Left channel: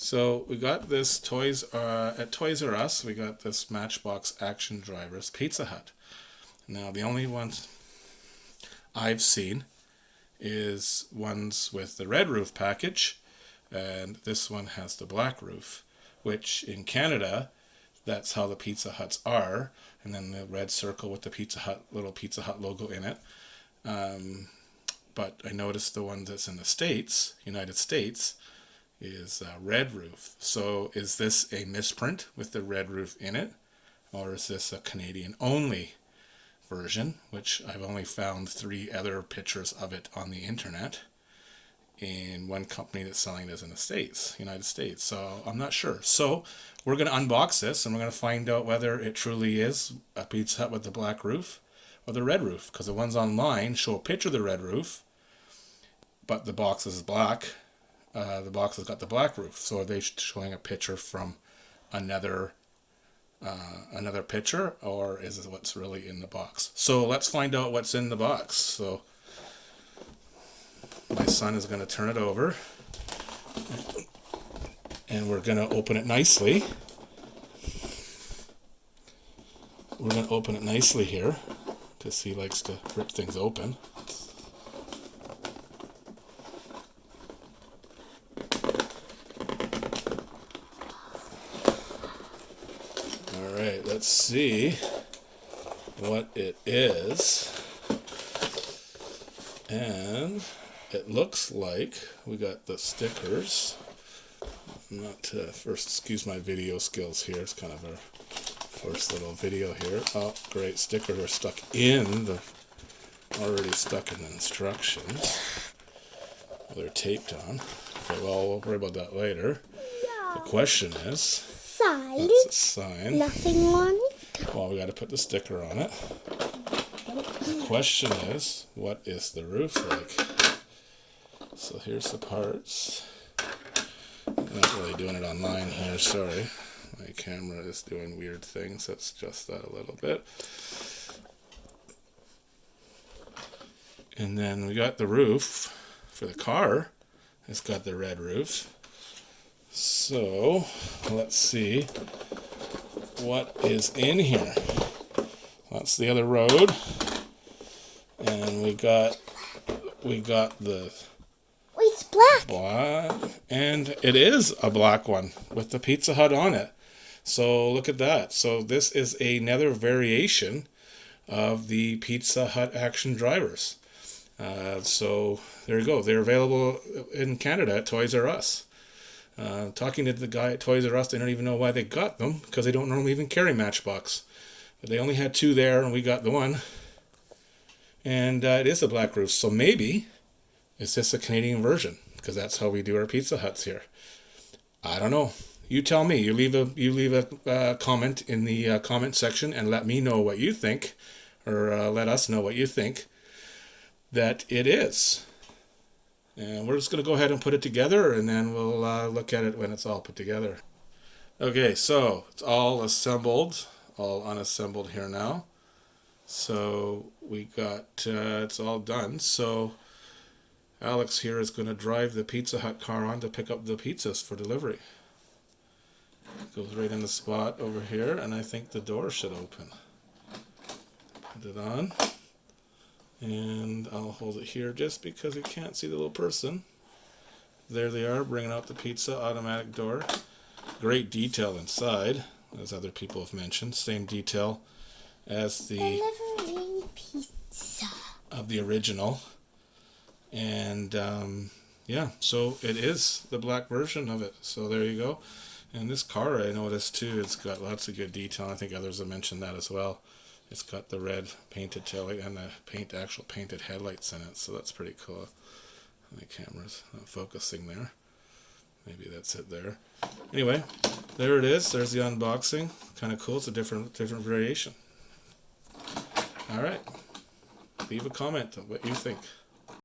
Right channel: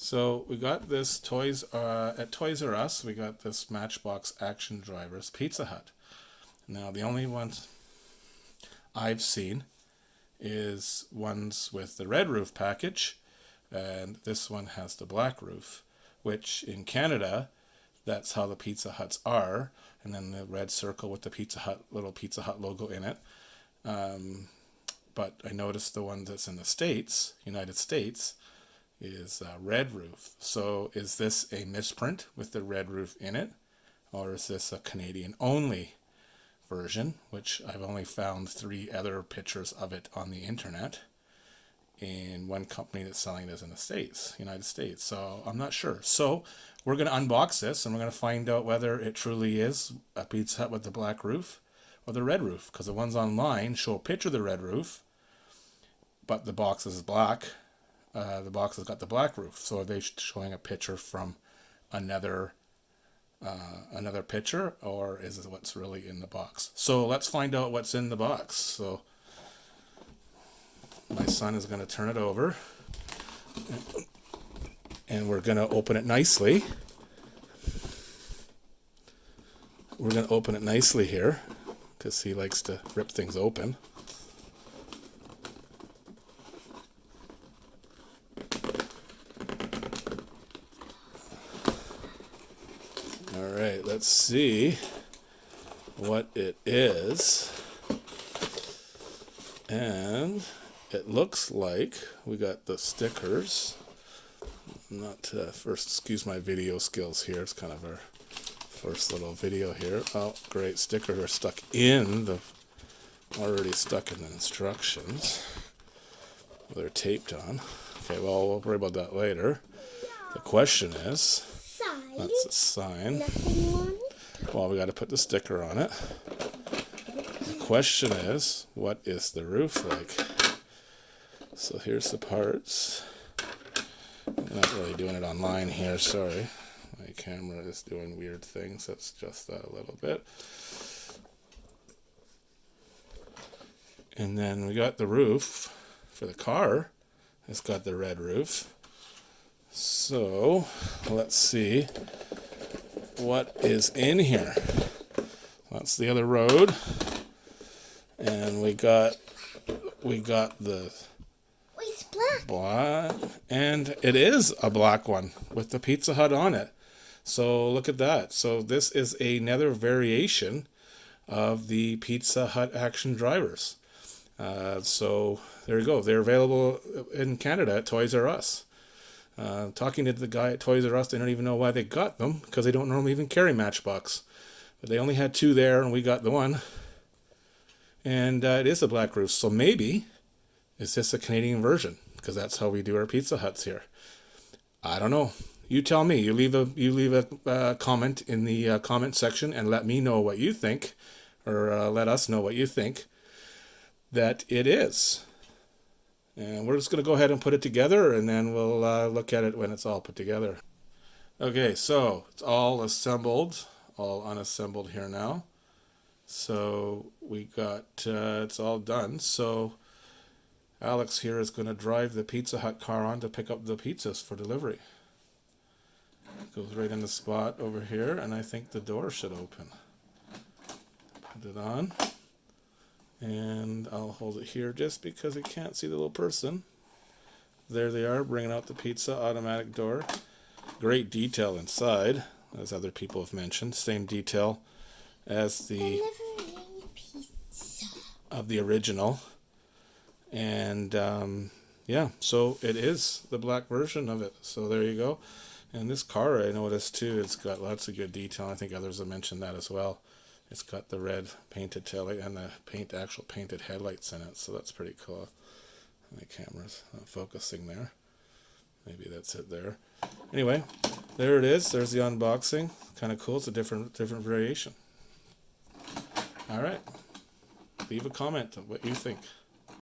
So we got this at Toys R Us. We got this Matchbox Action Drivers Pizza Hut. Now the only ones I've seen is ones with the red roof package, and this one has the black roof, which in Canada, that's how the Pizza Huts are, and then the red circle with the Pizza Hut, little Pizza Hut logo in it. But I noticed the one that's in the States, United States, is red roof. So is this a misprint with the red roof in it, or is this a Canadian only version, which I've only found 3 other pictures of it on the internet, in one company that's selling this in the States, United States. So I'm not sure. So we're going to unbox this and we're going to find out whether it truly is a Pizza Hut with the black roof or the red roof, because the ones online show a picture of the red roof, but the box is black. The box has got the black roof. So are they showing a picture from another picture, or is it what's really in the box? So let's find out what's in the box. So my son is going to turn it over, and we're going to open it nicely. We're going to open it nicely here, because he likes to rip things open. Alright, let's see what it is. And it looks like we got the stickers. First, excuse my video skills here. It's kind of our first little video here. Oh, great. Stickers are already stuck in the instructions. They're taped on. Okay, well, we'll worry about that later. The question is, that's a sign. Nothing on it. Well, we got to put the sticker on it. The question is, what is the roof like? So here's the parts. I'm not really doing it online here, sorry. My camera is doing weird things. Let's adjust that a little bit. And then we got the roof for the car. It's got the red roofs. So let's see what is in here. That's the other road, and we got the It's black. and it is a black one with the Pizza Hut on it. So look at that. So this is another variation of the Pizza Hut Action Drivers. So there you go. They're available in Canada at Toys R Us. Talking to the guy at Toys R Us, they don't even know why they got them, because they don't normally even carry Matchbox. But they only had 2 there, and we got the one. And it is a black roof, so maybe it's just a Canadian version, because that's how we do our Pizza Huts here. I don't know. You tell me. You leave a comment in the comment section and let me know what you think, or let us know what you think that it is. And we're just going to go ahead and put it together, and then we'll look at it when it's all put together. Okay, so it's all assembled, all unassembled here now. So we got, it's all done. So Alex here is going to drive the Pizza Hut car on to pick up the pizzas for delivery. It goes right in the spot over here, and I think the door should open. Put it on. And I'll hold it here just because you can't see the little person. There they are, bringing out the pizza, automatic door. Great detail inside, as other people have mentioned. Same detail as the pizza of the original. And yeah, so it is the black version of it. So there you go. And this car, I noticed too, it's got lots of good detail. I think others have mentioned that as well. It's got the red painted taillight and the actual painted headlights in it, so that's pretty cool. My camera's not focusing there. Maybe that's it there. Anyway, there it is. There's the unboxing. Kind of cool. It's a different variation. All right. Leave a comment on what you think.